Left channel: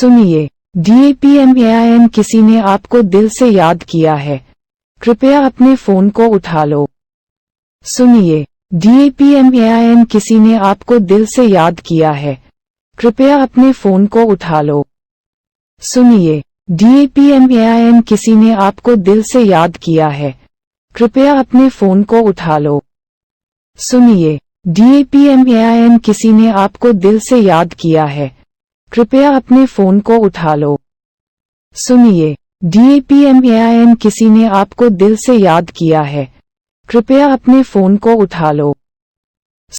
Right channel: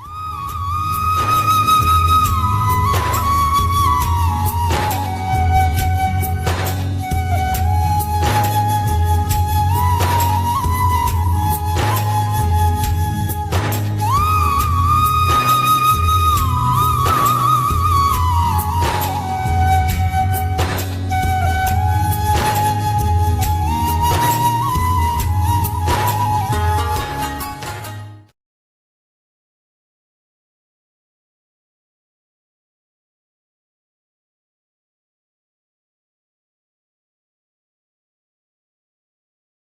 सुनिए, DAPMAIN किसी ने आपको दिल से याद किया है, कृपया अपने फोन को उठा लो। सुनिए, DAPMAIN किसी ने आपको दिल से याद किया है, कृपया अपने फोन को उठा लो। सुनिए, DAPMAIN किसी ने आपको दिल से याद किया है, कृपया अपने फोन को उठा लो। सुनिए, DAPMAIN किसी ने आपको दिल से याद किया है, कृपया अपने फोन को उठा लो। सुनिए, DAPMAIN किसी ने आपको दिल से याद किया है, कृपया अपने फोन को उठा लो।